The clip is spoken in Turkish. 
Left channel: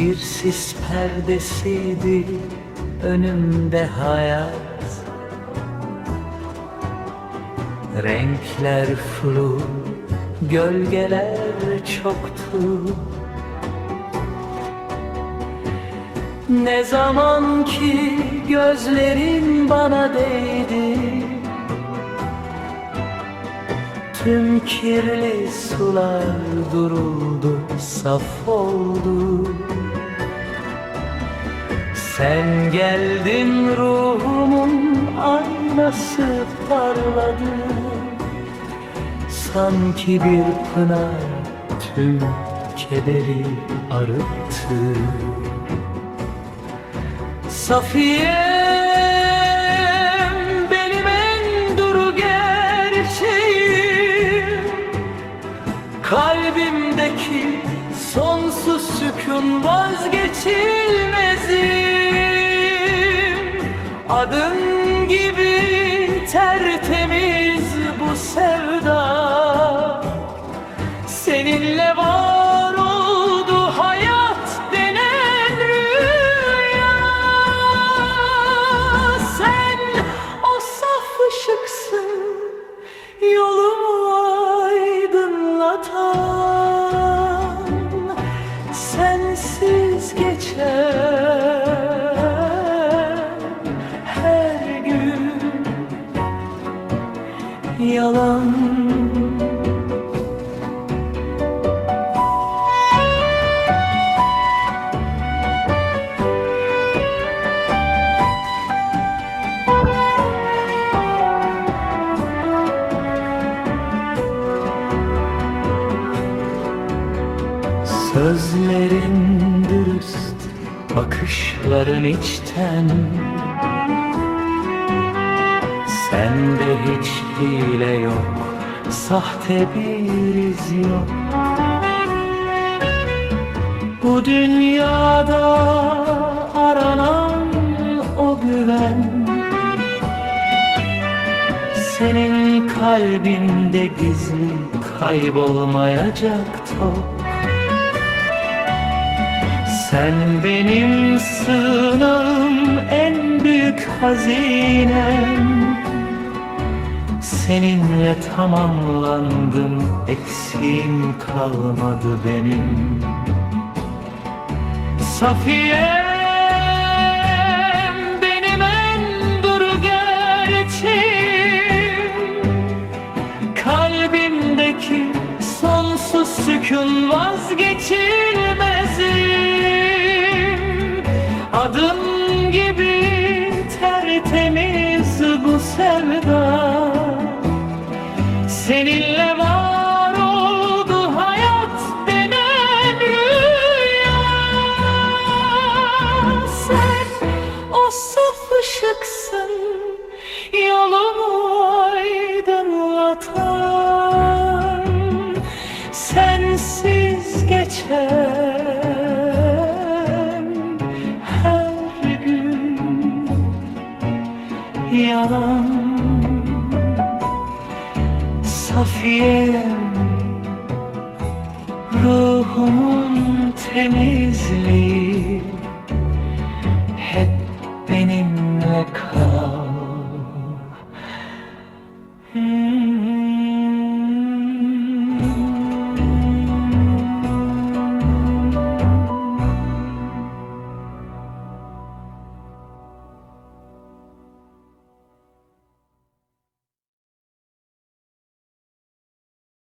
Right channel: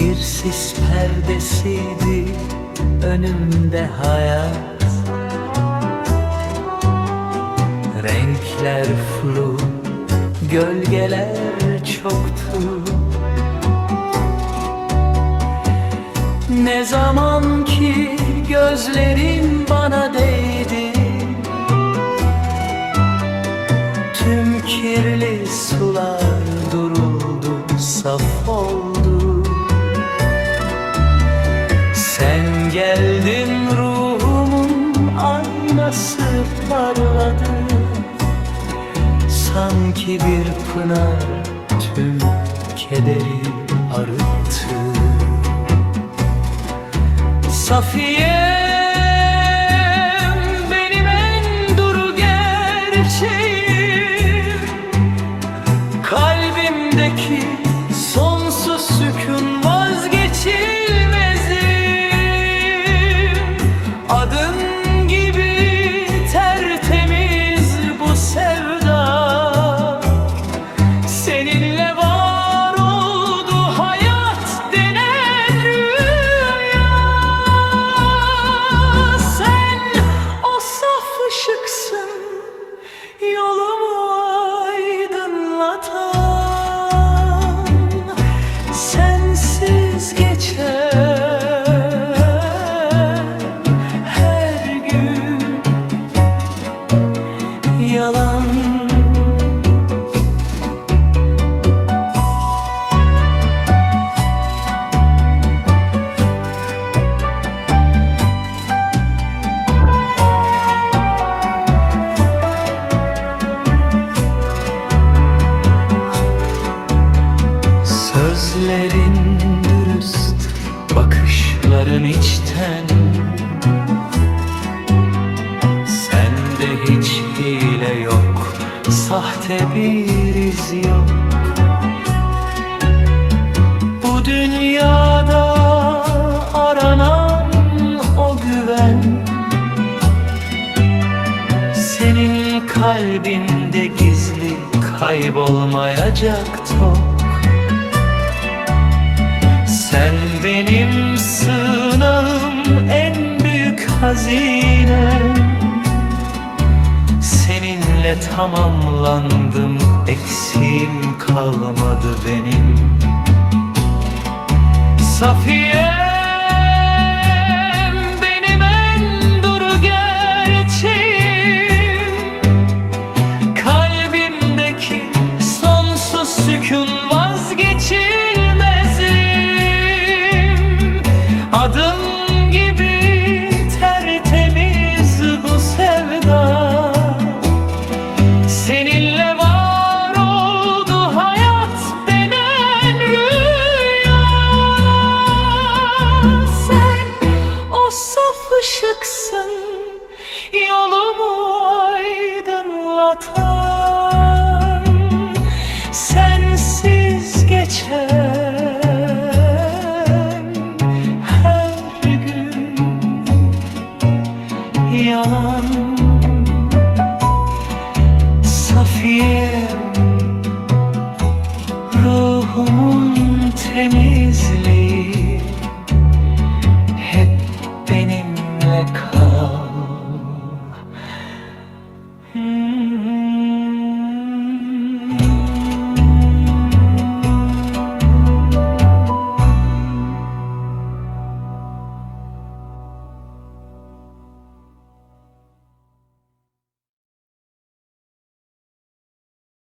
Bir sis perdesiydi önümde hayat. Renkler flu, gölgeler çoktu. Ne zaman ki gözlerin bana değdi Tüm kirli sular duruldu, saf oldu Sen geldin ruhumun aynası parladı. Sanki bir pınar tüm kederi arıttı. Safiyem sonsuz sükun vazgeçilmezim. Adın gibi tertemiz bu sevda Geçen her gün yalan. Sözlerin dürüst, bakışların içten. Sende hiç hile yok, sahte bir iz yok. Bu dünyada aranan o güven. Senin kalbinde gizli kaybolmayacak top sen benim sığınağım en büyük hazinem. Seninle tamamlandım eksiğim kalmadı benim. Safiyem benim en duru gerçeğim. Kalbimdeki sonsuz sükun vazgeçilmezim Adın gibi tertemiz bu sevda. Seninle var oldu hayat denen rüya. Sen o saf ışıksın yolumu aydınlatan Safiyem. Ruhumun temizliği